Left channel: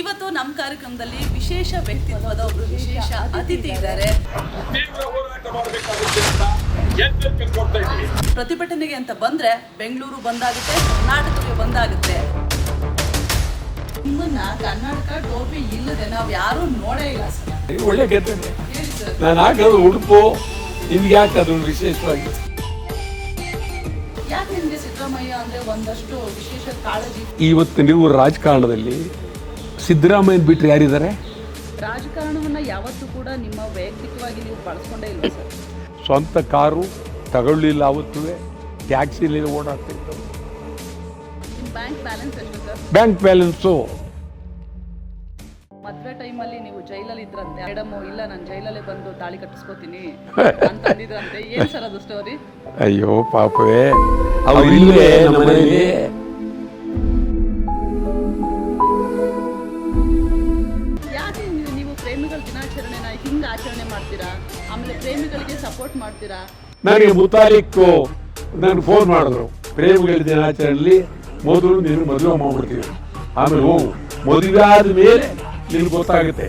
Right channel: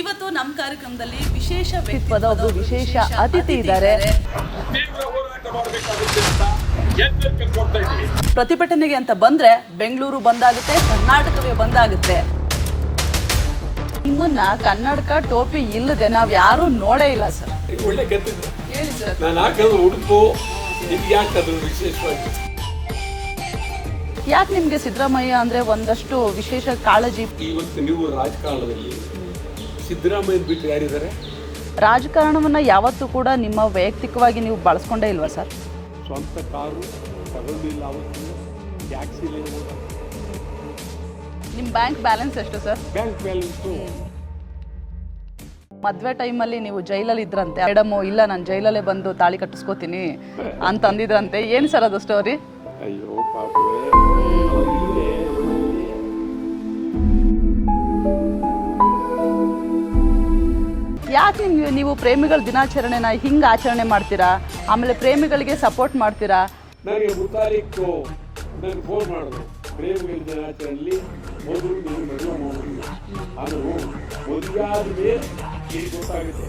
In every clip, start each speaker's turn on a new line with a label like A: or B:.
A: ಇವತ್ತು ನಮ್ಮ ಕಾರ್ಯಕ್ರಮದಲ್ಲಿ ವಿಶೇಷ ವ್ಯಕ್ತಿತ್ವದ ವಿಶೇಷ ಅತಿಥಿ ಇದ್ದಾರೆ. ಪ್ರತಿಭಟನೆಗೆ ಅಂತ ಬಂದ್ರೆ ಬೆಂಗಳೂರು ಬಂದಾಗುತ್ತೆ ಕರ್ನಾಟಕವೇ ಬಂದಾಗುತ್ತೆ. ನಿಮ್ಮನ್ನ ಕನ್ನಡಕ ಟೋಪಿ ಇಲ್ಲದೆ ನಾವ್ ಯಾರು ನೋಡೇ ಇಲ್ಲ ಸರ್.
B: ಒಳ್ಳೆ
A: ಸರ್.
B: ನಾನು ಹಾಕೋದು ಉಡುಪು ನಿಮ್ಗೆ ಯಾಕೆ ಅದು ವಿಶೇಷವಾಗಿ?
A: ಯಾಕೆ ನಿಮ್ಗೆ ಸಿದ್ದರಾಮಯ್ಯ ಅಂದ್ರೆ ಒಂದಷ್ಟು ವಿಶೇಷ ಕಾಳಜಿ?
B: ಇವತ್ತು ನೀವು ರಾಜಕಾರಣದಲ್ಲಿ ಸಿದ್ದರಾಮಯ್ಯ ಬಿಟ್ಟರೆ ಯಾರಿದ್ದಾರೆ?
A: ರಾಜಕಾರಣವನ್ನು ಯಾವತ್ತೂ ಕೂಡ ನಿಮ್ಮ ವೈಯಕ್ತಿಕವಾಗಿ ನೀವು ಬಳಸ್ಕೊಂಡೇ ಇಲ್ವಾ ಸರ್?
B: ಸ್ವಂತ ಕಾರು ತಗೊಳ್ಳಿಲ್ಲ ಅವತ್ತು ಟ್ಯಾಕ್ಸಿಲಿ ಓಡಾಡ್ತೀವಿ
A: ನಿಮ್ಮ ಬ್ಯಾಂಕ್ ಬ್ಯಾಲೆನ್ಸ್ ಎಷ್ಟು ಸರ್?
B: Bank balance?
A: ಮದ್ವೆ ಟೈಮಲ್ಲಿ ನೀವು ಜೈಲಲ್ಲಿ ಇದ್ರಂತೆ. ಮೇಡಮ್ ಇಲ್ಲ ನಾನು ಜೈಲಲ್ಲೇ ಬಂದು ತಾಳಿ ಕಟ್ಟಿಸ್ಕೋತೀನಿ ಅಂತ ಅಂದಿದ್ರಂತೆ. ಏನ್ ಸರ್ ಅದು ಸ್ಟೋರಿ
B: ಅಯ್ಯೋ ಪಾಪವೇ. ಅವ್ರು ಇಲ್ಲೇ
A: ಯಾಕೆ ನೀವು- ಪ್ರೇಮಿಗಳ ದಿನಾಚರಣೆನ ಹಿಂಗ ಆಚರಣೆ ಮಾಡ್ತೀರಾ? ಆಮೇಲೆ ಪ್ರೇಮಿಗಳಿಗೆ ಸಪೋರ್ಟ್ ಮಾಡ್ತೀರಾ?
B: ನನಗೆ ಮುತಾಲಿಕ್ಕು ನನಗೆ ಫೋನ್ ಮಾಡಿದ್ರು. ಪ್ರೇಮಿಗಳ ದಿನಾಚರಣೆಯಲ್ಲಿ ಮೊದಲು ನೀನು ಮದುವೆ ಮಾಡ್ಬಿಡ್ತೀವಿ. ಆಮೇಲೆ ಹೋಗು. ಮದುವೆ ಆದ ಮೇಲೆ ನಿನ್ಗೆ ಗೊತ್ತಾಗುತ್ತೆ.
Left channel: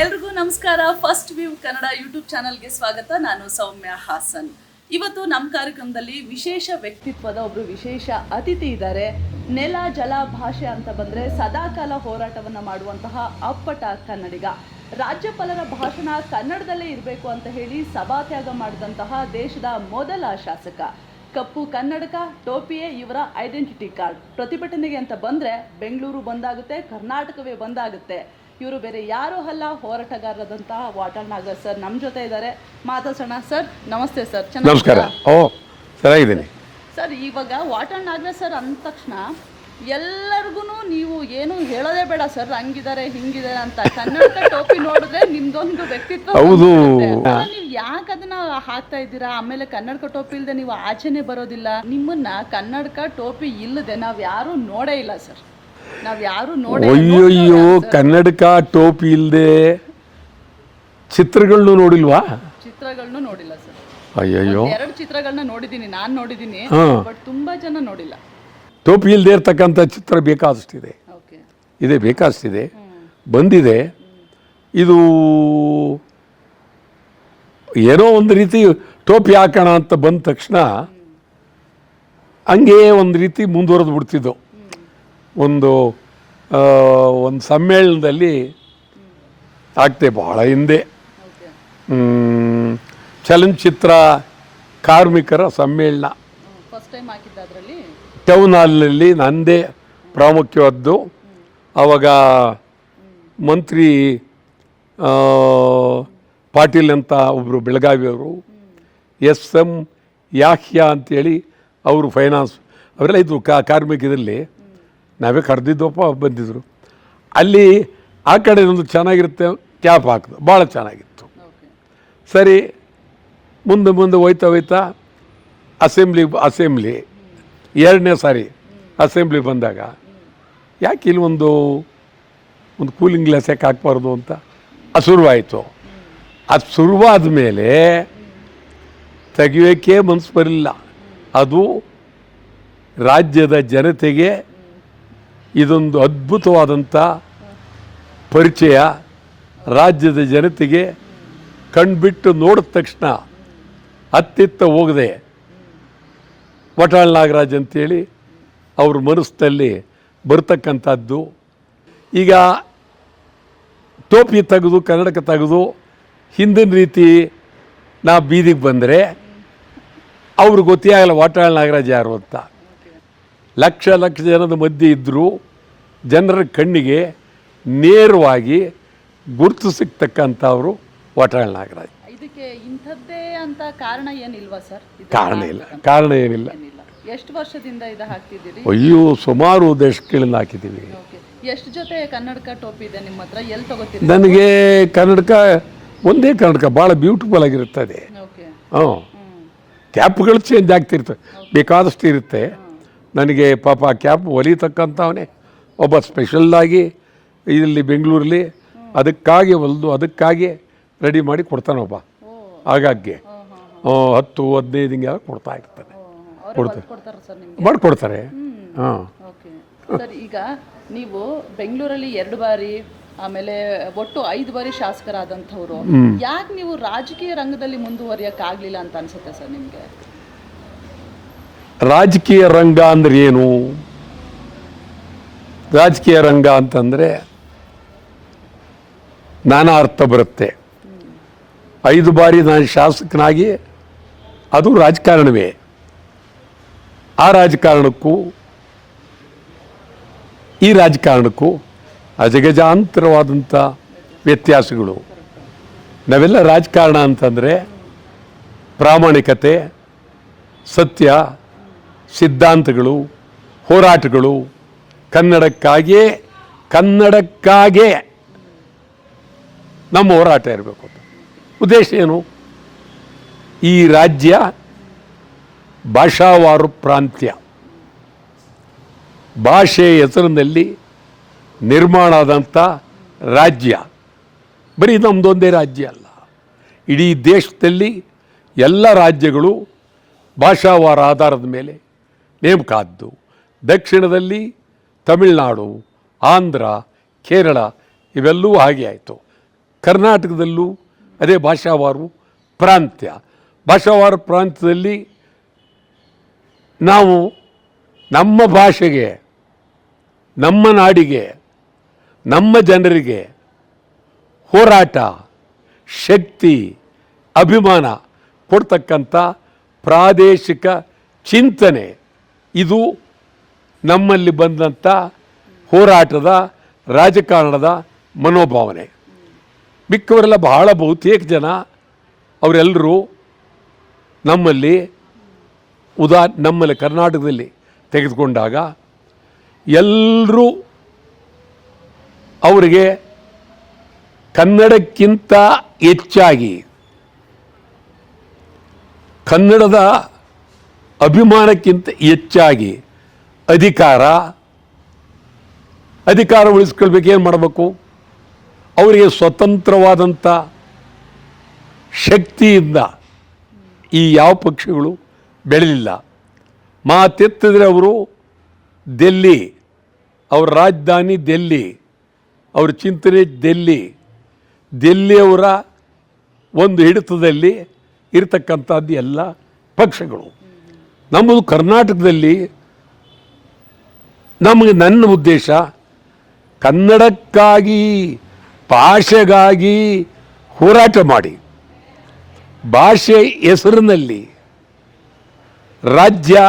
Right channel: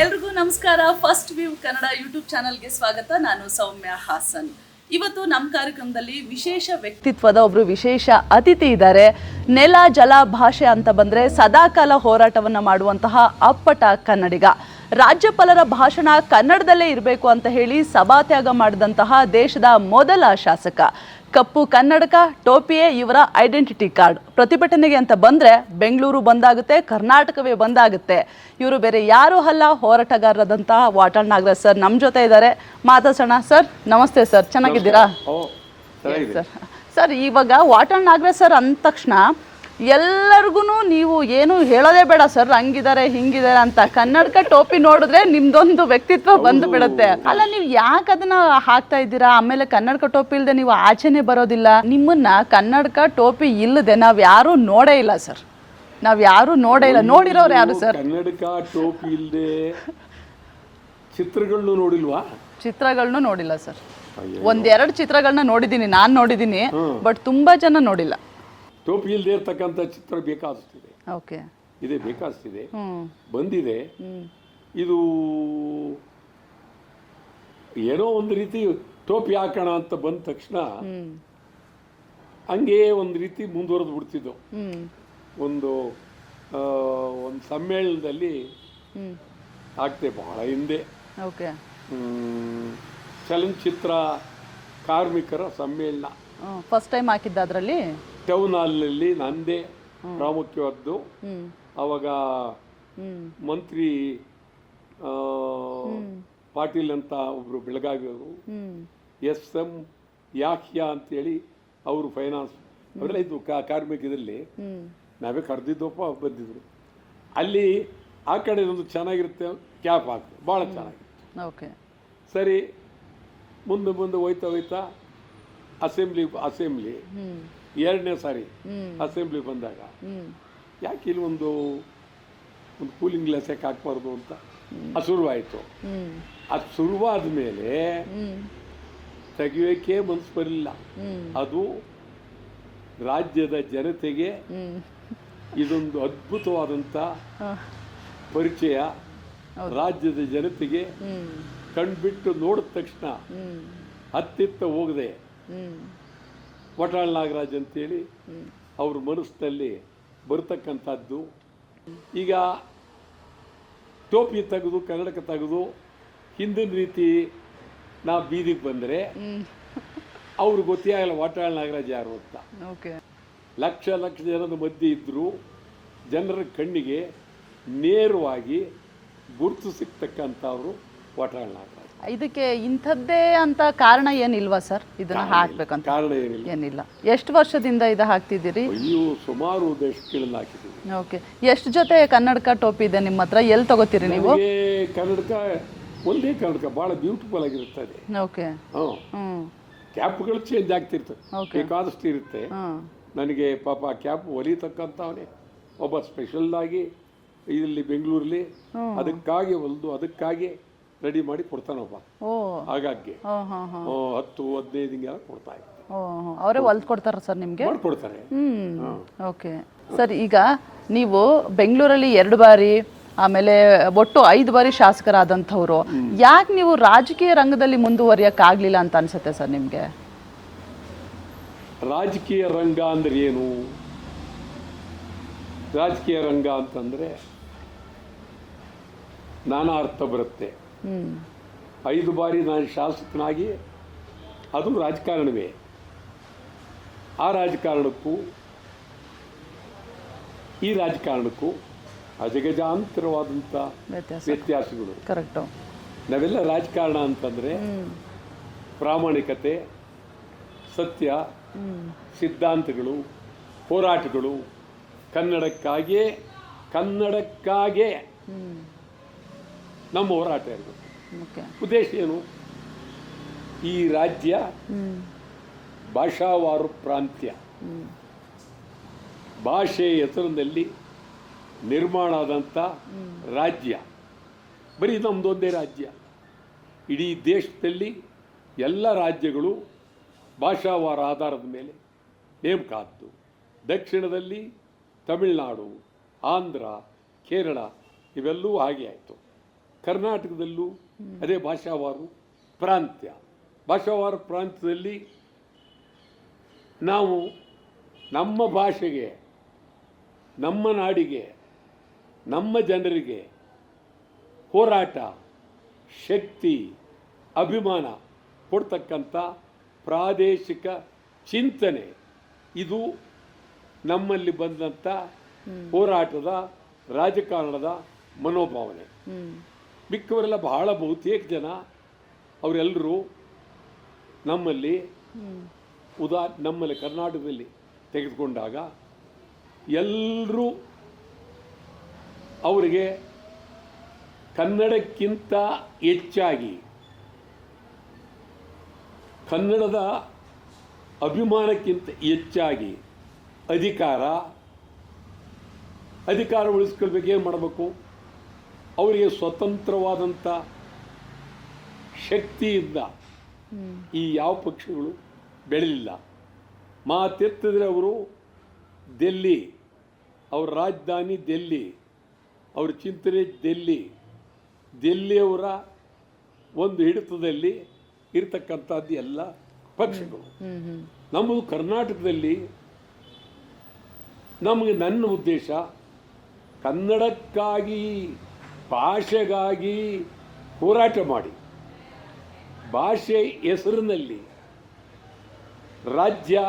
A: ಎಲ್ರಿಗೂ ನಮಸ್ಕಾರ. ಫಸ್ಟ್ ವ್ಯೂ ಕನ್ನಡ ಯೂಟ್ಯೂಬ್ ಚಾನಲ್ಗೆ ಸ್ವಾಗತ. ನಾನು ಸೌಮ್ಯ ಹಾಸನ್. ಇವತ್ತು ನಮ್ಮ ಕಾರ್ಯಕ್ರಮದಲ್ಲಿ ವಿಶೇಷ ವ್ಯಕ್ತಿತ್ವದ ಒಬ್ರು ವಿಶೇಷ ಅತಿಥಿ ಇದ್ದಾರೆ. ನೆಲ ಜಲ ಭಾಷೆ ಅಂತ ಬಂದ್ರೆ ಸದಾಕಾಲ ಹೋರಾಟವನ್ನ ಮಾಡುವಂತಹ ಅಪ್ಪಟ ಕನ್ನಡಿಗ. ರಾಜ್ಯಪಾಲರ ಭಾಷಣ ಕನ್ನಡದಲ್ಲೇ ಇರಬೇಕು ಅಂತ ಹೇಳಿ ಸಭಾತ್ಯಾಗ ಮಾಡಿದಂತಹ ದೇಶದ ಮೊದಲ ಶಾಸಕ. ಕಪ್ಪು ಕನ್ನಡಕ ಟೋಪಿಯೇ ಇವರ ಐಡೆಂಟಿಟಿ ಕಾರ್ಡ್. ಪ್ರತಿಭಟನೆಗೆ ಅಂತ ಬಂದ್ರೆ ಬೆಂಗಳೂರು ಬಂದಾಗುತ್ತೆ ಕರ್ನಾಟಕವೇ ಬಂದಾಗುತ್ತೆ. ಇವರು ಬೇರೆ ಯಾರೂ ಅಲ್ಲ ಹೋರಾಟಗಾರರಾದಂತಹ ವಾಟಾಳ್ ನಾಗರಾಜ್ ಸರ್ ನಮ್ಮ ಜೊತೆ ಇದ್ದಾರೆ. ಮಾತಾಡ್ಸೋಣ ಸರ್ ನಮಸ್ತೆ ಸರ್ ಚೆನ್ನಾಗಿದ್ದೀರಾ?
B: ಚೆನ್ನಾಗಿದ್ದೀನಿ.
A: ಸರ್ ಇವಾಗ ವಾಟಾಳ್ ನಾಗರಾಜ್ ಸರ್ ಅಂದ ತಕ್ಷಣ ಎಲ್ಲರಿಗೂ ನೀವು ಏನು ಹೇಳೋದೇ ಬೇಡ ಸರ್ ಹಂಗಿದ್ದಾರೆ ಹಿಂಗಿದ್ದಾರೆ ಅಂತ. ಕನ್ನಡಕ ಟೋಪಿ ನೋಡಿದ್ರೆ ನಿಮ್ದೊಂದು ವ್ಯಕ್ತಿತ್ವ. ಬಂದ್ಬಿಡುತ್ತೆ ಅಲ್ಲ ನೀವು ಯಾಕೆ ಅದನ್ನ ಹಾಕ್ತಾ ಇದ್ದೀರಾ? ಆಮೇಲೆ ಕನ್ನಡಕ ಟೋಪಿ ಇಲ್ಲದೆ ನೀವು ಆಚೆನೆ ಬರೋದಿಲ್ಲ. ನಿಮ್ಮನ್ನ ಕನ್ನಡಕ ಟೋಪಿ ಇಲ್ಲದೆ ನಾವ್ ಯಾರು ನೋಡೇ ಇಲ್ಲ ಸರ್. ನಾವ್ ಯಾರು ನೋಡೇ ಇಲ್ಲ.
B: ಕನ್ನಡಕ ಟೋಪಿ ಇಲ್ಲದೆ ಚಿತ್ರಗಳನ್ನು ನೋಡಿಲ್ವಾ?
A: ಚಿತ್ರಗಳನ್ನು ನೋಡಿಲ್ಲ ಸರ್.
B: ಅಯ್ಯಯ್ಯೋ.
A: ಒಂದ್ ಎರಡು ಚಿತ್ರಗಳನ್ನ ನೋಡಿದೀನಿ ನಾನ್ ನೋಡಿದೀನಿ ಬಟ್ ತುಂಬಾ ಜನ ನೋಡಿಲ್ಲ.
B: ಟೋಪಿ ಇಲ್ಲದೆ ಇರ್ತಕ್ಕಂಥ ಚಿತ್ರ ಬೇಕಾದಷ್ಟಿದೆ. ಇದೆ ಬೇಕಾದಷ್ಟಿದೆ. ಬಂದಿದೆ. ಇದು ಏನೋ ಒಂದು ರೀತಿ ಟೋಪಿ ಹಾಕೋಣ ಅಂತ ಬಂದ ತಕ್ಷಣ ಹಂಗೆ ಒಂದು ರೀತಿ ಮುಂದುವರೆದು ಬಿಡ್ತಿದ್ದು. ಒಂದು ಒಂದು ಸಮ್ಮೇಳನದಲ್ಲಿ ಆಗ್ತೆ ಬಹಳ ಹಿಂದೆ. ಚಲನಚಿತ್ರ ಕಾರ್ಮಿಕರ ಸಮ್ಮೇಳನ.
A: ಫಸ್ಟ್ ಟೈಮ್ ಹಾಕಿದ್ದ ಅದರಲ್ಲಿ?
B: ಟೌನ್ ಹಾಲ್ನಲ್ಲಿ ನಂದೇ ಪ್ರಾಮುಖ್ಯವಾದ್ದು ಆವಾಗ ಮಂತ್ರಿ ಪಾಟೀಲ್ ಅಂತ ಒಬ್ಬರು ಬೆಳಗಾವಿಯವರು ಎಸ್ ಎಂ ಯಾಹ್ಯಾ ಅಂತೇಳಿ ಅವರು ಫೈನಾನ್ಸ್ ಅವರೆಲ್ಲ ಇದ್ದರು ಕಾ ಕಾರ್ಮಿಕದಲ್ಲಿ ನಾವೇ ಕರೆದಿದ್ದಪ್ಪ ಬಂದಿದ್ದರು ಅಲ್ಲಿ ಆ ಕಡೆ ಒಂದು ಚೆನ್ನಾಗಿರುತ್ತೆ ಕ್ಯಾಪ್ ಹಾಕಿದ್ರು ಭಾಳ ಚೆನ್ನಾಗಿತ್ತು. ಸರಿ ಮುಂದೆ ಮುಂದೆ ಹೋಯ್ತಾ ಹೋಯ್ತಾ ಅಸೆಂಬ್ಲಿ ಅಸೆಂಬ್ಲಿ ಎರಡನೇ ಸಾರಿ ಅಸೆಂಬ್ಲಿ ಬಂದಾಗ ಯಾಕೆ ಇಲ್ಲಿ ಒಂದು ಒಂದು ಕೂಲಿಂಗ್ ಗ್ಲಾಸ್ ಯಾಕೆ ಹಾಕ್ಬಾರ್ದು ಅಂತ ಅದು ಶುರುವಾಯಿತು ಅದು ಶುರುವಾದ ಮೇಲೆ ತೆಗಿಯೋಕೆ ಮನಸ್ಸು ಬರಲಿಲ್ಲ. ಅದು ರಾಜ್ಯದ ಜನತೆಗೆ ಇದೊಂದು ಅದ್ಭುತವಾದಂಥ ಪರಿಚಯ ರಾಜ್ಯದ ಜನತೆಗೆ ಕಣ್ಬಿಟ್ಟು ನೋಡಿದ ತಕ್ಷಣ ಅತ್ತಿತ್ತ ಹೋಗದೆ ವಟಾಳ್ ನಾಗರಾಜ್ ಅಂತೇಳಿ ಅವ್ರ ಮನಸ್ಸಿನಲ್ಲಿ ಬರ್ತಕ್ಕಂಥದ್ದು. ಈಗ ಟೋಪಿ ತೆಗೆದು ಕನ್ನಡಕ ತೆಗೆದು ಹಿಂದಿನ ರೀತಿ ನಾ ಬೀದಿಗೆ ಬಂದರೆ ಅವ್ರು ಗೊತ್ತೇ ಆಗಲ್ಲ ವಾಟಾಳ್ ನಾಗರಾಜ್ ಯಾರು ಅಂತ. ಲಕ್ಷ ಲಕ್ಷ ಜನದ ಮಧ್ಯೆ ಇದ್ದರೂ ಜನರ ಕಣ್ಣಿಗೆ ನೇರವಾಗಿ ಗುರುತು ಸಿಗ್ತಕ್ಕಂಥವ್ರು ವಾಟಾಳ್ ನಾಗರಾಜ್
A: ಇದಕ್ಕೆ ಇಂಥದ್ದೇ ಅಂತ ಕಾರಣ ಏನಿಲ್ವಾ ಸರ್? ಇದು
B: ಕಾರಣ ಇಲ್ಲ.
A: ಹಾಕ್ಬೇಕಂತ?
B: ಕಾರಣ ಏನಿಲ್ಲ.
A: ಏನಿಲ್ಲ. ಎಷ್ಟು ವರ್ಷದಿಂದ ಇದು ಹಾಕ್ತಿದ್ದೀರಿ?
B: ಅಯ್ಯೋ ಸುಮಾರು ದಶಕಗಳಿಂದ ಹಾಕಿದ್ದೀವಿ.
A: ಓಕೆ. ಎಷ್ಟು ಜೊತೆ ಕನ್ನಡಕ ಟೋಪಿ ಇದೆ ನಿಮ್ಮ ಹತ್ರ? ಎಲ್ಲಿ ತಗೋತೀರಿ
B: ನನಗೆ ಕನ್ನಡಕ ಒಂದೇ ಕನ್ನಡಕ ಭಾಳ ಬ್ಯೂಟಿಫುಲ್ ಆಗಿರುತ್ತದೆ.
A: ಓಕೆ.
B: ಹ್ಞೂ.
A: ಹ್ಮ್.
B: ಕ್ಯಾಪ್ಗಳು ಚೇಂಜ್ ಆಗ್ತಿರ್ತವೆ ಬೇಕಾದಷ್ಟು ಇರುತ್ತೆ. ನನಗೆ ಪಾಪ ಕ್ಯಾಪ್ ಹೊಲಿತಕ್ಕಂಥವನೇ ಒಬ್ಬ ಸ್ಪೆಷಲ್ಲಾಗಿ ಇಲ್ಲಿ ಬೆಂಗಳೂರಲ್ಲಿ ಅದಕ್ಕಾಗಿ ಹೊಲಿದು ಅದಕ್ಕಾಗಿ ರೆಡಿ ಮಾಡಿ ಕೊಡ್ತಾನೊಬ್ಬ.
A: ಓ.
B: ಆಗಾಗ್ಗೆ. ಹತ್ತು ಹದಿನೈದು ಹಿಂಗೆ ಕೊಡ್ತಾ
A: ಇರ್ತಾರೆ
B: ಮಾಡ್ಕೊಡ್ತಾರೆ.
A: ಓಕೆ. ಸರ್ ಈಗ ನೀವು ಬೆಂಗಳೂರಲ್ಲಿ ಎರಡು ಬಾರಿ ಆಮೇಲೆ ಒಟ್ಟು ಐದು ಬಾರಿ ಶಾಸಕರಾದಂಥವ್ರು ಯಾಕೆ ನೀವು ರಾಜಕೀಯ ರಂಗದಲ್ಲಿ ಮುಂದುವರಿಯಕ್ ಆಗ್ಲಿಲ್ಲ ಅಂತ ಅನ್ಸುತ್ತೆ ಸರ್ ನಿಮ್ಗೆ?
B: ರಾಜಕೀಯ ರಂಗ ಅಂದ್ರೆ ಏನು? ರಾಜಕೀಯ ರಂಗ ಅಂತಂದ್ರೆ ನಾನಾ ಅರ್ಥ ಬರುತ್ತೆ. ಐದು ಬಾರಿ ನಾನು ಶಾಸಕನಾಗಿ ಅದು ರಾಜಕಾರಣವೇ. ಆ ರಾಜಕಾರಣಕ್ಕೂ ಈ ರಾಜಕಾರಣಕ್ಕೂ ಅಜಗಜಾಂತರವಾದಂಥ ವ್ಯತ್ಯಾಸಗಳು. ನಾವೆಲ್ಲ ರಾಜಕಾರಣ ಅಂತಂದರೆ ಪ್ರಾಮಾಣಿಕತೆ ಸತ್ಯ ಸಿದ್ಧಾಂತಗಳು ಹೋರಾಟಗಳು ಕನ್ನಡಕ್ಕಾಗಿಯೇ ಕನ್ನಡಕ್ಕಾಗೇ. ನಮ್ಮ ಹೋರಾಟ ಇರಬೇಕು. ಉದ್ದೇಶ ಏನು? ಈ ರಾಜ್ಯ ಭಾಷಾವಾರು ಪ್ರಾಂತ್ಯ. ಭಾಷೆ ಹೆಸರಿನಲ್ಲಿ ನಿರ್ಮಾಣ ಆದಂಥ ರಾಜ್ಯ. ಬರೀ ನಮ್ಮದೊಂದೇ ರಾಜ್ಯ ಅಲ್ಲ. ಇಡೀ ದೇಶದಲ್ಲಿ ಎಲ್ಲ ರಾಜ್ಯಗಳು ಭಾಷಾವಾರ ಆಧಾರದ ಮೇಲೆ ನೇಮಕ ಆದ್ದು ದಕ್ಷಿಣದಲ್ಲಿ ತಮಿಳುನಾಡು ಆಂಧ್ರ ಕೇರಳ ಇವೆಲ್ಲವೂ ಹಾಗೆ ಆಯಿತು. ಕರ್ನಾಟಕದಲ್ಲೂ ಅದೇ ಭಾಷಾವಾರು ಪ್ರಾಂತ್ಯ. ಭಾಷಾವಾರ ಪ್ರಾಂತ್ಯದಲ್ಲಿ ನಾವು ನಮ್ಮ ಭಾಷೆಗೆ, ನಮ್ಮ ನಾಡಿಗೆ, ನಮ್ಮ ಜನರಿಗೆ ಹೋರಾಟ, ಶಕ್ತಿ, ಅಭಿಮಾನ ಕೊಡ್ತಕ್ಕಂಥ ಪ್ರಾದೇಶಿಕ ಚಿಂತನೆ ಇದು ನಮ್ಮಲ್ಲಿ ಬಂದಂಥ ಹೋರಾಟದ ರಾಜಕಾರಣದ ಮನೋಭಾವನೆ. ಮಿಕ್ಕವರೆಲ್ಲ ಬಹಳ ಬಹುತೇಕ ಜನ ಅವರೆಲ್ಲರೂ ನಮ್ಮಲ್ಲಿ ಉದಾ, ನಮ್ಮಲ್ಲಿ ಕರ್ನಾಟಕದಲ್ಲಿ ತೆಗೆದುಕೊಂಡಾಗ ಎಲ್ಲರೂ ಅವರಿಗೆ ಕನ್ನಡಕ್ಕಿಂತ ಹೆಚ್ಚಾಗಿ ಕನ್ನಡದ ಅಭಿಮಾನಕ್ಕಿಂತ ಹೆಚ್ಚಾಗಿ ಅಧಿಕಾರ ಅಧಿಕಾರ ಉಳಿಸ್ಕೊಳ್ಬೇಕು, ಏನು ಮಾಡಬೇಕು? ಅವರಿಗೆ ಸ್ವತಂತ್ರವಾದಂಥ ಶಕ್ತಿಯಿಂದ ಈ ಯಾವ ಪಕ್ಷಗಳು ಬೆಳೆದಿಲ್ಲ. ಮಾತೆತ್ತಿದ್ರೆ ಅವರು ದೆಲ್ಲಿ, ಅವರ ರಾಜಧಾನಿ ದೆಲ್ಲಿ, ಅವ್ರ ಚಿಂತನೆ ದೆಲ್ಲಿ ದೆಲ್ಲಿಯವರ ಒಂದು ಹಿಡಿತದಲ್ಲಿ ಇರತಕ್ಕಂಥದ್ದು ಎಲ್ಲ ಪಕ್ಷಗಳು. ನಮ್ಮದು ಕರ್ನಾಟಕದಲ್ಲಿ ನಮಗೆ ನನ್ನ ಉದ್ದೇಶ ಕನ್ನಡಕ್ಕಾಗಿ ಭಾಷೆಗಾಗಿ ಹೋರಾಟ ಮಾಡಿ. ಭಾಷೆ ಹೆಸರಿನಲ್ಲಿ ರಾಜ್ಯ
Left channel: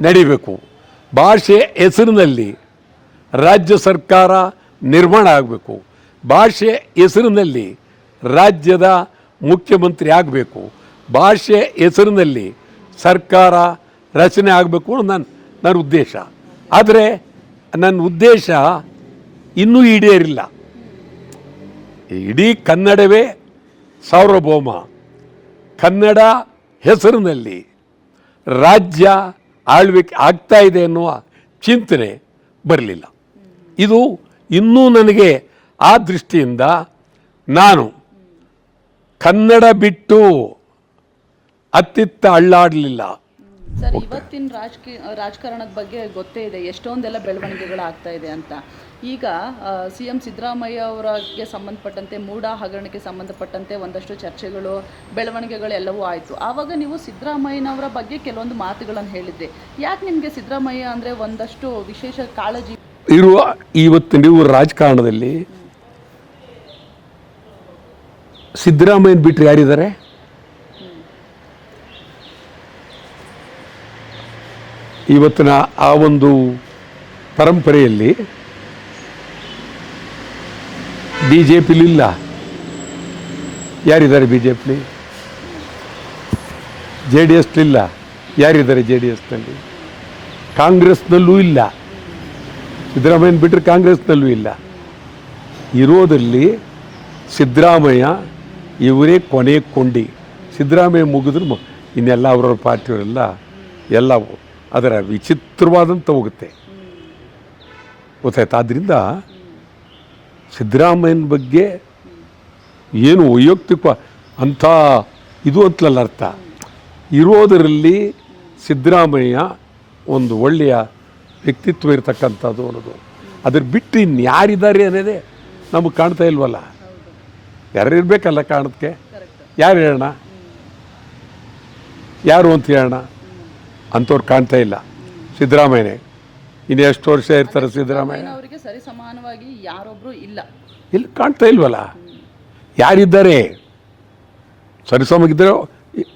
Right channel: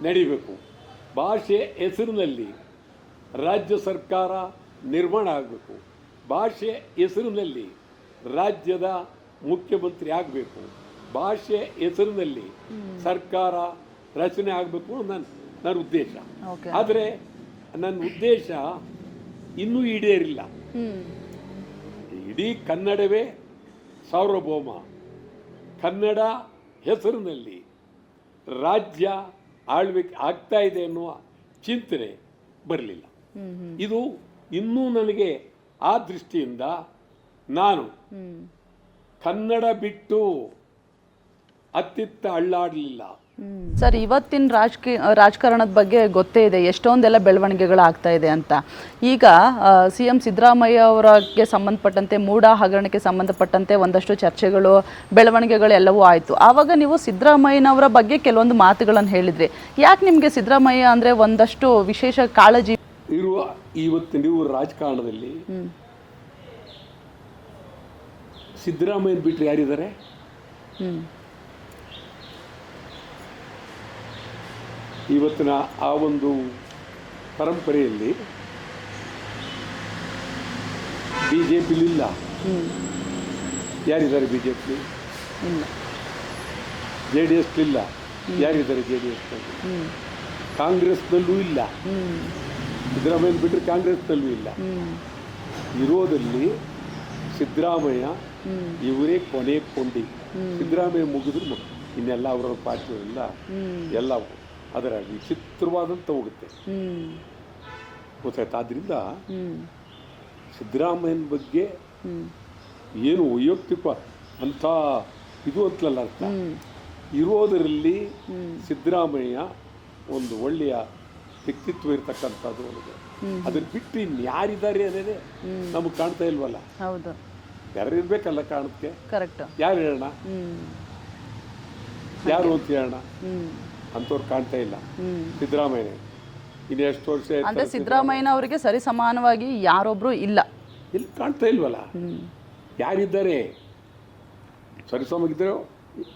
B: ನಡಿಬೇಕು. ಭಾಷೆ ಹೆಸರಿನಲ್ಲಿ ರಾಜ್ಯ ಸರ್ಕಾರ ನಿರ್ಮಾಣ ಆಗಬೇಕು. ಭಾಷೆ ಹೆಸರಿನಲ್ಲಿ ರಾಜ್ಯದ ಮುಖ್ಯಮಂತ್ರಿ ಆಗಬೇಕು. ಭಾಷೆ ಹೆಸರಿನಲ್ಲಿ ಸರ್ಕಾರ ರಚನೆ ಆಗಬೇಕು ನನ್ನ ನನ್ನ ಉದ್ದೇಶ. ಆದರೆ ನನ್ನ ಉದ್ದೇಶ ಇನ್ನೂ ಈಡೇರಿಲ್ಲ. ಇಡೀ ಕನ್ನಡವೇ ಸಾರ್ವಭೌಮ. ಕನ್ನಡ ಹೆಸರಿನಲ್ಲಿ ರಾಜ್ಯ ಆಳ್ವಿಕೆ ಆಗ್ತಾ ಇದೆ ಎನ್ನುವ ಚಿಂತನೆ ಬರಲಿಲ್ಲ. ಇದು ಇನ್ನೂ ನನಗೆ ಆ ದೃಷ್ಟಿಯಿಂದ ನಾನು ಕನ್ನಡ ಬಿಟ್ಟು ಅತ್ತಿತ್ತ ಅಳ್ಳಾಡಲಿಲ್ಲ.
A: ಸರ್ ಇವತ್ತಿನ ರಾಜಕೀಯ ರಾಜಕಾರಣದ ಬಗ್ಗೆ ಗೊತ್ತೇ ಇದೆ. ಎಷ್ಟೊಂದೆಲ್ಲ ಬೆಳವಣಿಗೆಗಳು ಆಗ್ತಾ ಇದೆ ಅಂತ. ಈಗ ಸಿ ಎಂ ಸಿದ್ದರಾಮಯ್ಯ ಅವರಿಗೆ ಸಂಬಂಧಪಟ್ಟಂತೆ ಮೂಡ ಹಗರಣಕ್ಕೆ ಸಂಬಂಧಪಟ್ಟಂತೆ ಒಂದಷ್ಟು ಚರ್ಚೆಗಳು ಬೆಳವಣಿಗೆಗಳು ಎಲ್ಲವೂ ಆಯಿತು. ಆವಾಗ ನೀವು ಸಿದ್ದರಾಮಯ್ಯನವರ ಬಗ್ಗೆ ಕೆಲವೊಂದು ಮಾತುಗಳನ್ನು ಹೇಳಿದ್ರಿ. ಯಾಕೆ ನಿಮಗೆ ಸಿದ್ದರಾಮಯ್ಯ ಅಂದರೆ ಒಂದಷ್ಟು ವಿಶೇಷ ಕಾಳಜಿ?
B: ಇರುವ ಇವತ್ತು ನೀವು ರಾಜಕಾರಣದಲ್ಲಿ ಸಿದ್ದರಾಮಯ್ಯನ ಬಿಟ್ಟರೆ ಯಾರಿದ್ದಾರೆ? ಇವತ್ತಿನ ಆ ಒಂದು ಪರಂಪರೆಯಲ್ಲಿ ಬಿ ಜೆ ಪಿಲಿಲ್ಲ ಯಾರಿದ್ದಾರೆ ಬಿ ಜೆ ಪಿಲಿ ಜೆ ಡಿ ಎಸ್ಲಿಲ್ಲ ಯಾರಿದ್ದಾರೆ ಜೆ ಡಿ ಎಸ್ನಲ್ಲಿ ಕಾಂಗ್ರೆಸ್ನಲ್ಲೂ ಇಲ್ಲ. ಸಿದ್ದರಾಮಯ್ಯನ ಬಿಟ್ಟರೆ ಕಾಂಗ್ರೆಸ್ನಲ್ಲೂ ಇಲ್ಲ. ಇರೋದಲ್ಲಿ ಸಿದ್ದರಾಮಯ್ಯ ಇವರೇ ಕೊನೆ ಕೊಂಡಿ. ಸಿದ್ದರಾಮಯ್ಯ ಮುಗಿದ್ರು ಇನ್ನೆಲ್ಲ ಅವರವ್ರ ಪಾರ್ಟಿಯವರೆಲ್ಲ ಎಲ್ಲ ಅದರ ವಿಚಿತ್ರವಾದಂಥ ಹೋಗುತ್ತೆ. ಗೊತ್ತಾಯ್ತು? ಆದ್ದರಿಂದ ಸಿದ್ದರಾಮಯ್ಯನ ಬಗ್ಗೆ ಏನು ವೈಯಕ್ತಿಕ ಅಂಥ ಇದು ಅಂತಲಲ್ಲ ಅರ್ಥ. ಇರೋದರಲ್ಲಿ ಸಿದ್ದರಾಮಯ್ಯ ಒಂದು ಒಳ್ಳೆಯ ವ್ಯಕ್ತಿತ್ವ ಇರತಕ್ಕಂಥದ್ದು ಅನ್ನೋದು. ಅದ್ರ ಬಿಟ್ಟು ಇನ್ಯಾರಿದ್ದಾರೆ ಅನ್ನೋದೇ ನಮಗೆ ಕಾಣ್ತಾ ಇಲ್ವಲ್ಲ? ಯಾರು ಇರಬೇಕಲ್ಲ ಕಾಣೋದಕ್ಕೆ ಯಾರು ಹೇಳೋಣ? ಯಾರು ಅಂತ ಹೇಳೋಣ? ಅಂಥವ್ರು ಕಾಣ್ತಾ ಇಲ್ಲ. ಸಿದ್ದರಾಮಯ್ಯನೇ. ಇನ್ನು ಎಷ್ಟು ವರ್ಷ ಇರ್ತಾರೆ ಸಿದ್ದರಾಮಯ್ಯ?
A: ಅವರಿಗೆ ಸರಿ ಸಮಾನವಾಗಿ ಯಾರೊಬ್ರು ಇಲ್ಲ.
B: ಇಲ್ಲಿ ಕಾಣ್ತಾ ಇಲ್ವಲ್ಲ? ಯಾರಿದ್ದಾರೆ? ಸರಿಸಮಗಿದ್ದರೆ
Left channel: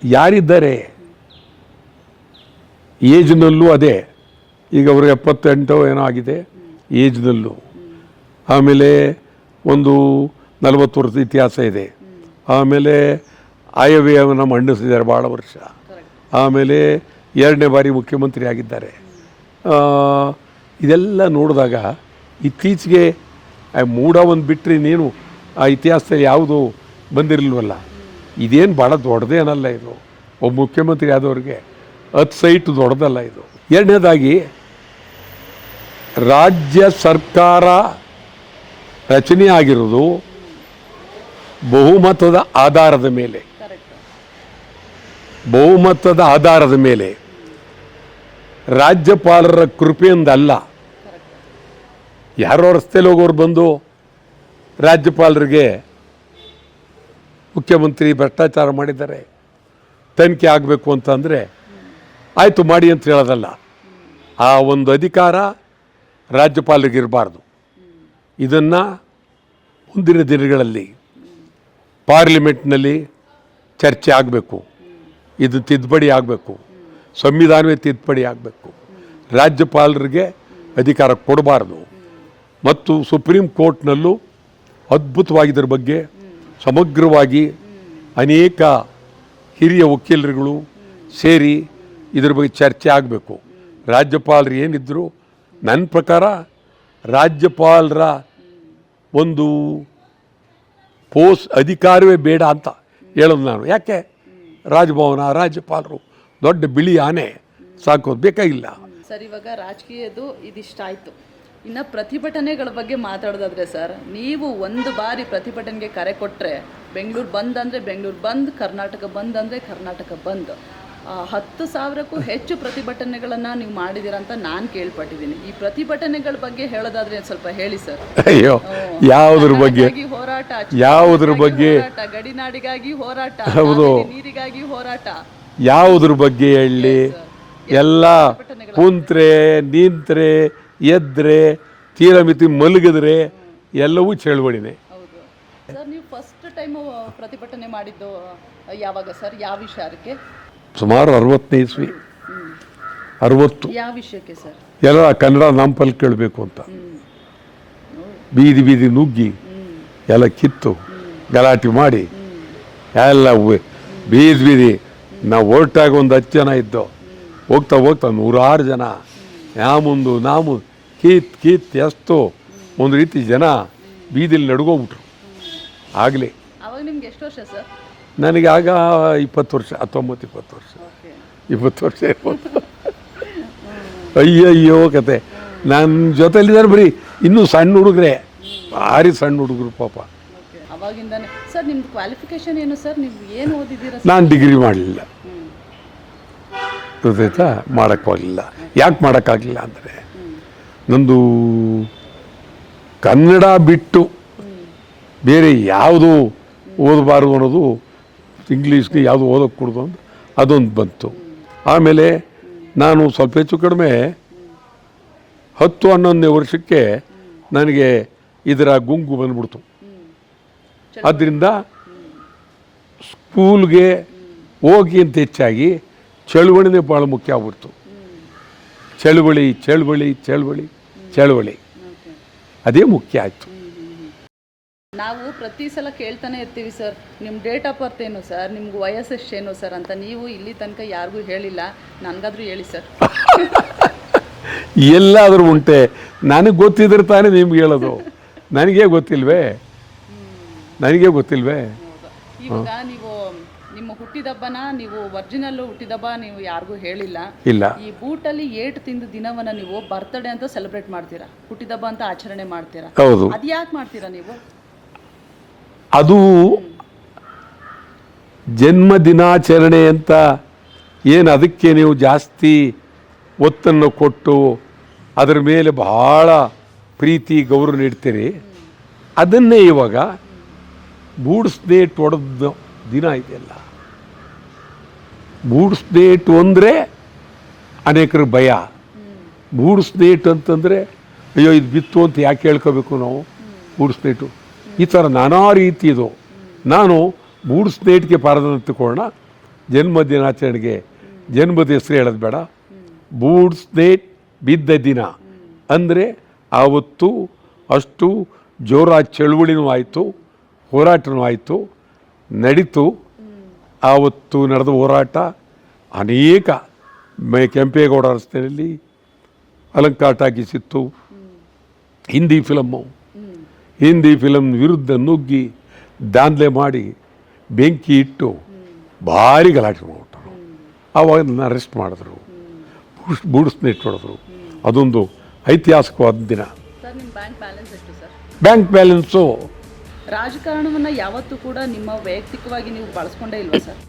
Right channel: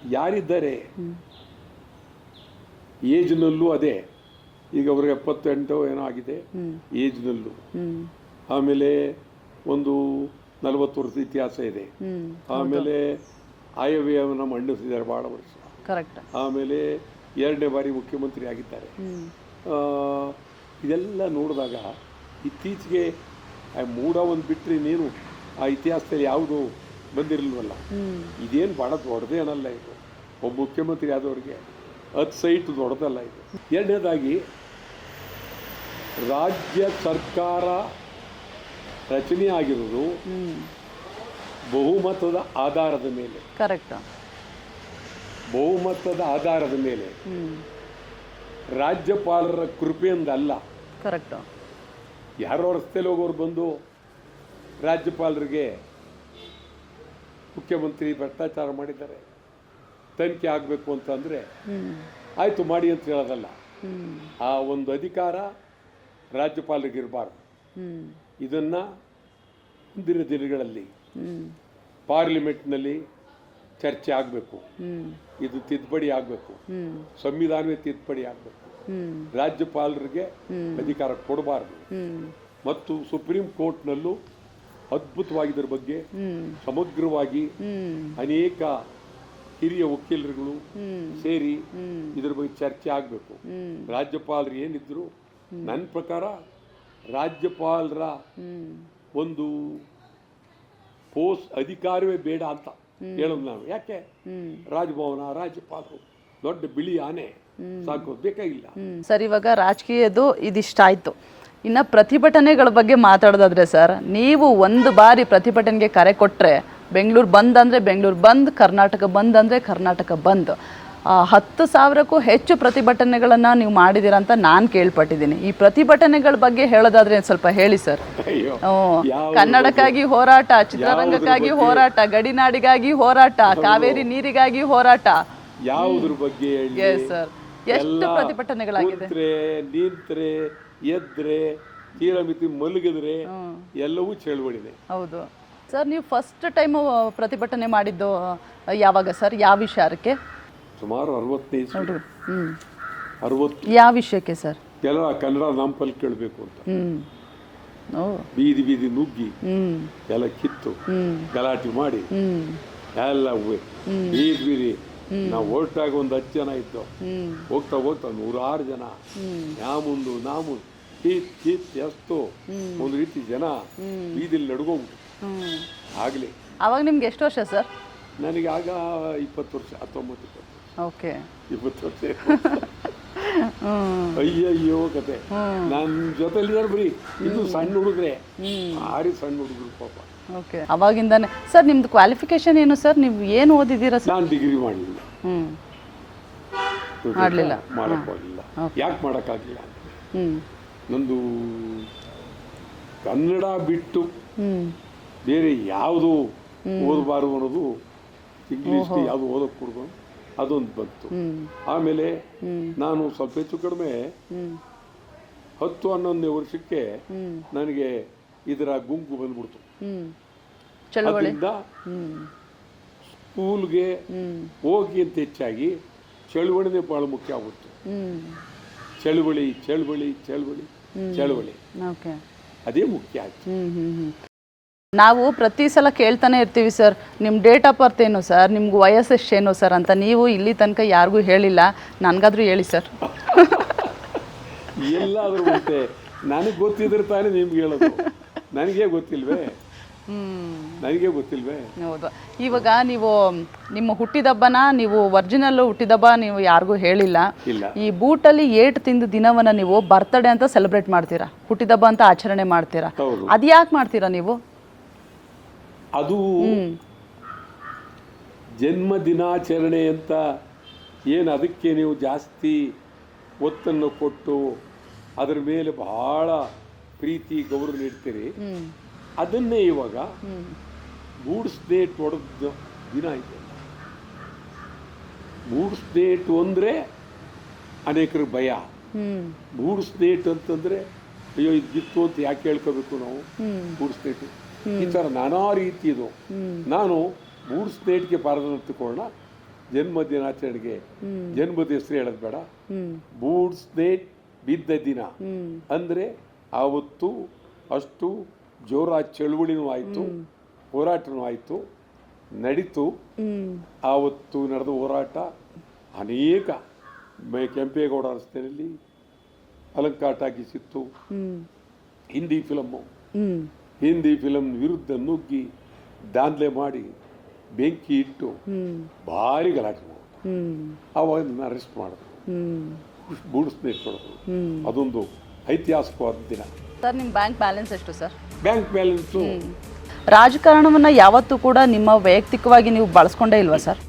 B: ಯಾರಿದ್ದಾರೆ? ಏಜ್ನಲ್ಲೂ ಅದೇ. ಈಗ ಅವ್ರಿಗೆ ಎಪ್ಪತ್ತೆಂಟು ಏನೋ ಆಗಿದೆ. ಏಜ್ನಲ್ಲೂ. ಆಮೇಲೆ ಒಂದು ನಲವತ್ತು ವರ್ಷದ ಇತಿಹಾಸ ಇದೆ. ಆಮೇಲೆ ಆಯವ್ಯಯವನ್ನು ಮಂಡಿಸಿದ್ದಾರೆ ಭಾಳ ವರ್ಷ. ಆಮೇಲೆ ಎರಡನೇ ಬಾರಿ ಮುಖ್ಯಮಂತ್ರಿ ಆಗಿದ್ದಾರೆ. ಇದೆಲ್ಲ ನೋಡಿದಾಗ ಇತ್ತೀಚೆಗೆ ಮೂಡ ಒಂದು ಬಿಟ್ಟರೆ ನೀನು ಆ ಇತಿಹಾಸದಲ್ಲಿ ಯಾವುದು ಬಂದಿರಲ್ವಲ್ಲ ಇದೇನು ಭಾಳ ದೊಡ್ಡದೇ ದೊಡ್ಡದೇನಲ್ಲ ಇದು. ಒಬ್ಬ ಮುಖ್ಯಮಂತ್ರಿ ಆದವ್ರಿಗೆ ಹತ್ತು ಸೈಟ್ ದೊಡ್ಡದಲ್ಲ ಇದು. ಎರಡನೇದಾಗಿ, ರಾಜ್ಯ ಸರ್ಕಾರ ರಚನೆ ಆಗಿರೋದು ಬಹುಮತದ ಆಧಾರದ ಮೇಲೆ.
A: ಕರೆಕ್ಟ್
B: ಬಹುಮತದ ಆಧಾರದ ಮೇಲೆ ರಾಜ್ಯಪಾಲರ ಕೃಪೆಯಿಂದಲ್ಲ ಯಾರೋ ರಸ್ತೆಯಲ್ಲಿ ಹೋಗೋರು ಬಂದು ರಾಜ್ಯಪಾಲರಿಗೆ ಮುಖ್ಯಮಂತ್ರಿ ಭ್ರಷ್ಟಾಚಾರ ಮಾಡಿದ್ದಾರೆ ತನಿಖೆ ಆಗಬೇಕು ಅಂತಂದರೆ ಆಯಿತು ಮಾಡಿ ಅಂತ ಹೇಳೋದಲ್ಲ. ಆ ಒಂದು ಅಧಿಕಾರ ರಾಜ್ಯಪಾಲರಿಗೆ ಇರಬಾರ್ದು. ಇದನ್ನು ಮುಂದಿನ ದಿನಗಳಲ್ಲಿ ಪಾರ್ಲಿಮೆಂಟ್ನಲ್ಲಿ ಚರ್ಚೆ ಆಗಬೇಕು. ಇದು ತಿದ್ದುಪಡಿ ಆಗಬೇಕು. ಸಂವಿಧಾನವೇ ತಿದ್ದುಪಡಿ ಆಗಬೇಕು. ರಾಜ್ಯಪಾಲರಿಗೆ ಅಧಿಕಾರ ಕೊಡಬಾರ್ದು. ಮತ್ತು ಸುಪ್ರೀಂ ಕೋರ್ಟ್ನಲ್ಲೂ ಅದ್ಭುತವಾಗಿದ್ದರ ಬಗ್ಗೆ ಸಮಗ್ರವಾಗಿ ಅನೇಕ ಹಿರಿಯ ವಕೀಲರುಗಳು ಸೇರಿ ಇದ್ರ ಬಗ್ಗೆ ಚರ್ಚೆ ಆಗಬೇಕು. ರಾಜ್ಯಪಾಲರು ಏನಿದ್ರು ನನ್ನ ಪ್ರಕಾರ ರಾಜ್ಯಪಾಲರ ಒಂದು ಪೋಸ್ ಅಧಿಕಾರವೇ ಬೇಡ ಅಂತ ಹೇಳೋದು ನಾನು. ಯಾಕೆ? ರಾಜಭವನ, ರಾಜ್ಯಪಾಲರು ದೊಡ್ಡ ಬಿಳಿ ಆನೆ ಸಾಕೋದು ಬೇಕಾಗಿಲ್ಲ.
A: ಸರ್, ಇವಾಗ ರಾಜಕೀಯದ್ದು ಇದಿಷ್ಟಾಯ್ತು ಇನ್ನ ಪ್ರತಿಭಟನೆಗಳ ಬಗ್ಗೆ ಮಾತಾಡೋದಾದ್ರೆ ಸರ್, ನೀವು ಒಂದು ಬಾರಿ ಪ್ರತಿಭಟನೆಗೆ ಕರೆ ಕೊಟ್ಟರೆ ಬೆಂಗಳೂರು ಬಂದ್ ಅಂದ್ರೆ ಬೆಂಗಳೂರು ಬಂದ್, ಕರ್ನಾಟಕ ಬಂದ್ ಅಂದ್ರೆ ಕರ್ನಾಟಕ ಬಂದ್. ಹತ್ತು ಸಾವಿರಕ್ಕೂ ಹೆಚ್ಚು ಪ್ರತಿಭಟನೆಗಳನ್ನ ನೀವು ಮಾಡಿದ್ದೀರಾ ಅಂತ ನಾನು ಕೇಳ್ಪಟ್ಟಿದ್ದೀನಿ. ಈ ಪ್ರತಿಭಟನೆಗಳ ಬಗ್ಗೆ ಹೇಳೋದಾದ್ರೆ ಸ್ವಲ್ಪ ಹೇಳಿ ಸರ್.
B: ಅಯ್ಯೋ ಯಾವುದ್ರ ಬಗ್ಗೆ?
A: ಹೋರಾಟ
B: ಯಾವುದ್ರ ಬಗ್ಗೆ?
A: ಹೋರಾಟ ಗಡಿನಾಡಿಗಾಗಿ ಹೋರಾಟ ಕಾವೇರಿ ನೀರಿಗಾಗಿ ಹೋರಾಟ.
B: ಯಾವುದ್ರ ಬಗ್ಗೆ ಹೇಳಿ? ಎಲ್ಲ ಕುಂತ್ರೆ ನಿಂತ್ರೆ ಎದ್ರೆ ತೀರಮಿತಿ ಮಲಗಿದ್ರೆ ಎಲ್ಲವೂ ಚಳವಳಿನೇ.
A: ಹೌದು. ಸರ್ ನೀವು ಫಸ್ಟ್ ಟೈಮ್ ಪ್ರತಿಭಟನೆ ಮಾಡಿದ್ದು ಯಾವಾಗ ಸರ್? ಯಾವ ವಿಚಾರಕ್ಕೆ
B: ಸುಮಾರು ಅರವತ್ತನೇ ಇಸ್ವಿ ಅರವತ್ತು
A: ಯಾವ ವಿಷಯಕ್ಕೆ ಸರ್?
B: ಎಲ್ಲ ಕನ್ನಡ ನಾಂಪಲ್ ಕೇಳಬೇಕು ಅಂತ. ಬೀದಿ ಬೀದಿ ನುಗ್ಗಿ ಎಲ್ಲ ಕಿತ್ತು ಗಲಾಟೆ ಮಾಡಿ ಎಲ್ಲ ಬೀದಿ ಬೀದಿ. ನಾವು ಹೊರಟಾಗ ಒಂದು ಹತ್ತು ಜನ ಇದ್ದು ಹೋಗ್ತಾ ಹೋಗ್ತಾ ನೂರಾರು ಜನ. ನಾ ಮುಂದು ನಾ ಮುಂದು ಕೀತ್ ಕೀತ್ ಎಷ್ಟು ಒಂದು ರೀತಿ ಜನ ಬೀದಿಲಿ ನಡ್ಗೋಗ್ಬಿಟ್ರು. ಆಗಲಿ.
A: ಅವಾಗ ನಿಮ್ಗೆ ಎಷ್ಟು ವರ್ಷ ಸರ್?
B: ನನಗೆ ಆಗ ಇಪ್ಪತ್ತು ವರ್ಷ ಹತ್ತೊಂಬತ್ತು ಇಪ್ಪತ್ತು ವರ್ಷ.
A: ಓಕೆ.
B: ಇಪ್ಪತ್ತು ವರ್ಷ ಇರ್ಬೋದು. ಅಯ್ಯಯ್ಯೋ ಕತೆ. ನನ್ನ ಜೊತೆಲಿದ್ದಾರೆ ಬರೀ ಇನ್ನೂ ಸಣ್ಣ ಹುಡುಗ್ರೆ. ಭಾರಿ ಸಣ್ಣ ಹುಡುಗರು ಪಾಪ.
A: ಅವಾಗಿಂದಾನೆ. ಸರ್ ನಿಮ್ದು ಕ್ವಾಲಿಫಿಕೇಶನ್ ಏನು ಸರ್? ನೀವು ಏನು ಓದಿದ್ದೀರಾ
B: ನಾನು ಡಿಗ್ರಿ ಮಾಡಲಿಲ್ಲ. ಗೊತ್ತಾಯ್ತಾ? ಮಾಡೋಕ್ಕಾಗಲಿಲ್ಲ ಯಾಕೆ ಮಾಡೋಕ್ಕಾಗಲಿಲ್ಲ ಅಂದರೆ ನಂದು ಕನ್ನಡ ಬಿಟ್ಟು ಬೇರೆ ಯಾವುದು ಓದಬಾರದು ಅನ್ನೋದು ಇಂಗ್ಲೀಷ್ಗೆ ಯಾವುದು ಓದೋಕೆ ಕೊಡೋದು ಅಂತ. ಅದೊಂದು ಬಂತು. ಆಮೇಲೆ ನಾನು ಸ್ವಲ್ಪ ಹೆಚ್ಚು ಕಡಿಮೆ ಹತ್ತು ಹನ್ನೊಂದನೇ ವರ್ಷಕ್ಕೆ ನನಗೆ ಇದರ ಗುಂಗು ಬಂದ್ಬಿಡ್ತು. ಆದ್ದರಿಂದ ಸ್ಕೂಲ್ಗೆ ಹೋಗಿ ಅಂತ ಹೆಚ್ಚಾಗಿ ಚಳುವಳಿನೇ ಭಾಳ ಮುಖ್ಯ ಆಗ್ಬಿಡ್ತು. ಚಳುವಳಿ ಚಳುವಳಿ ಚಳುವಳಿ ಚಳುವಳಿ. ಅದೇ ಮುಖ್ಯ ಆಯಿತು.
A: ನಾವು ಪ್ರತಿ ಸಲ ಕೇಳ್ತಾನೆ ಇರ್ತೀವಿ ಸರ್ ನಿಮ್ಮ ಡೇಟ್ ಆಫ್ ಬರ್ತ್ ಏನು ಸರ್? ನಿಮ್ಗೆ ವಯಸ್ಸು ಎಷ್ಟೇನು ಸರ್? ಅಂತ ನೀವು ಇಲ್ಲಿ ತನಕ ಯಾರಿಗೂ ಹೇಳಿಲ್ಲ. ನನಗಾದ್ರೂ ಹೇಳಿ ಸರ್.
B: ಎಲ್ಲಾದರೂ ಉಂಟೆ. ನನಗೆ ಗೊತ್ತಿದ್ರೆ ತಾನೇ ನಿಮ್ಗೆ ಹೇಳೋದು. ನನಗೇ ಗೊತ್ತಿಲ್ವೇ? ನನಗೆ ಗೊತ್ತಿಲ್ವೇ?
A: ಹೌದು. ಇವಾಗ ನೀವು ನಿಮ್ಮ ಹುಟ್ಟಿದಬ್ಬನ ನೀವು ಒರಿಜಿನಲ್ ಹುಟ್ಟಿದಬ್ಬ ನೀವು ಯಾರಿಗೂ ಹೇಳಿಲ್ಲ.
B: ಇಲ್ಲ.
A: ಈ ಬೂಟಲ್ಲಿ ಏಟ್ ತಿಂದ ದಿನವನ್ನ ನೀವು ಬರ್ತಡೇ ಅಂತ ಸೆಲೆಬ್ರೇಟ್ ಮಾಡ್ತೀರಾ? ಹುಟ್ಟಿದಬ್ಬ ಅಂತ ಆಚರಣೆ ಮಾಡ್ತೀರಾ?
B: ಹೌದು.
A: ಅದ್ ಯಾಕೆ ಮಾಡ್ತೀರಾ ನೀವು?
B: ಅದು ಜನ್ಮ ದಿನಾಚರಣೆ ಅಂತ ಏನು ಅದಕ್ಕೆ ನೀವು ಜಾಸ್ತಿ ಒತ್ತನ್ನು ಕೊಟ್ಟು ಅದರ ಮೇಲೆ ಬಹಳ ಪ್ರೀತಿ ಗೌರವ ನೀಡ್ತೀರಿ? ಅದನ್ನೇ ಇವಾಗ ಬೂಡ್ಸ್ಡೇಟ್ ಒಡೆದ ದಿನ ಇದೆಯಲ್ಲ ಬೂಡ್ಸ್ಡೇಟ್ ಅಂದರೆ ಅನೇಕರು ಭಯ. ಬೂಡ್ಸ್ಡೇಟ್ ಅಂತಂದರೆ ಅಯ್ಯೋ ಇದು ಬಿತ್ತು ಅಂತ ಯಾಕೆ ಹೇಳ್ಕೋಬೇಕು ನಾವು? ಬೂಡ್ಸ್ಡೇಟು ಈ ಥರ ನಾನಾ ರೀತಿ ಇದು. ನಾನು ಬೂಡ್ಸ್ಡೇಟ್ಗೆ ಪಾರದ ತಗೊಳ್ಳೋಣ ಜನ್ಮ ದಿನಾಚರಣೆಗೆ ಜನ್ಮದ ಹೆಸರು ಹೇಳೋದು ಬೇಡ. ಬೂಡ್ಸ್ ಸ್ನೇಟ್ ಬಿದ್ದ ದಿನ. ಅಂದರೆ ಆವತ್ತು ಅಷ್ಟು ಜೋರ ಚಳುವಳಿನೂ ಆಯಿತು ಹೋರಾಟನೂ ಆಯಿತು ನಡೀತು. ಆವತ್ತು ನಡೆದ ಹೋರಾಟ ಅನೇಕ ಮೆ- ಕೆಂಪೇಗೌಡ ರಸ್ತೆಯಲ್ಲಿ ಅಲಂಕಾರ ಟಾಕೀಸಿತ್ತು. ಹಿಂದಿ ಫಿಲಮ್ಮು ಹಿಂದಿ ಫಿಲಮ್ ವಿರುದ್ಧ ನುಗ್ಗಿ ದಾಂಧಲೆ ಮಾಡಿ ಬೆಂಕಿ ಇಟ್ಟು ಭಾರಿ ಗಲಾಟೆ ಮಾಡ್ಬಿಟ್ಟು ಆವಾಗ ನನ್ನ ಅರೆಸ್ಟ್ ಮಾಡಿದ್ರು.
A: ಹ್ಮ್
B: ಇಟ್ಕೊಡಿದ್ರು. ಅದೊಂದು ಐತಿಹಾಸಿಕವಾದ ದಿನ.
A: ಸರ್ ನಿಮ್ಮ ಬ್ಯಾಂಕ್ ಬ್ಯಾಲೆನ್ಸ್ ಎಷ್ಟು ಸರ್?
B: ಬ್ಯಾಂಕ್ ಬ್ಯಾಲೆನ್ಸು
A: ರಾಜಕಾರಣವನ್ನು ಯಾವತ್ತೂ ಕೂಡ ನಿಮ್ಮ ವೈಯಕ್ತಿಕವಾಗಿ ನೀವು ಬಳಸ್ಕೊಂಡೇ ಇಲ್ವಾ ಸರ್?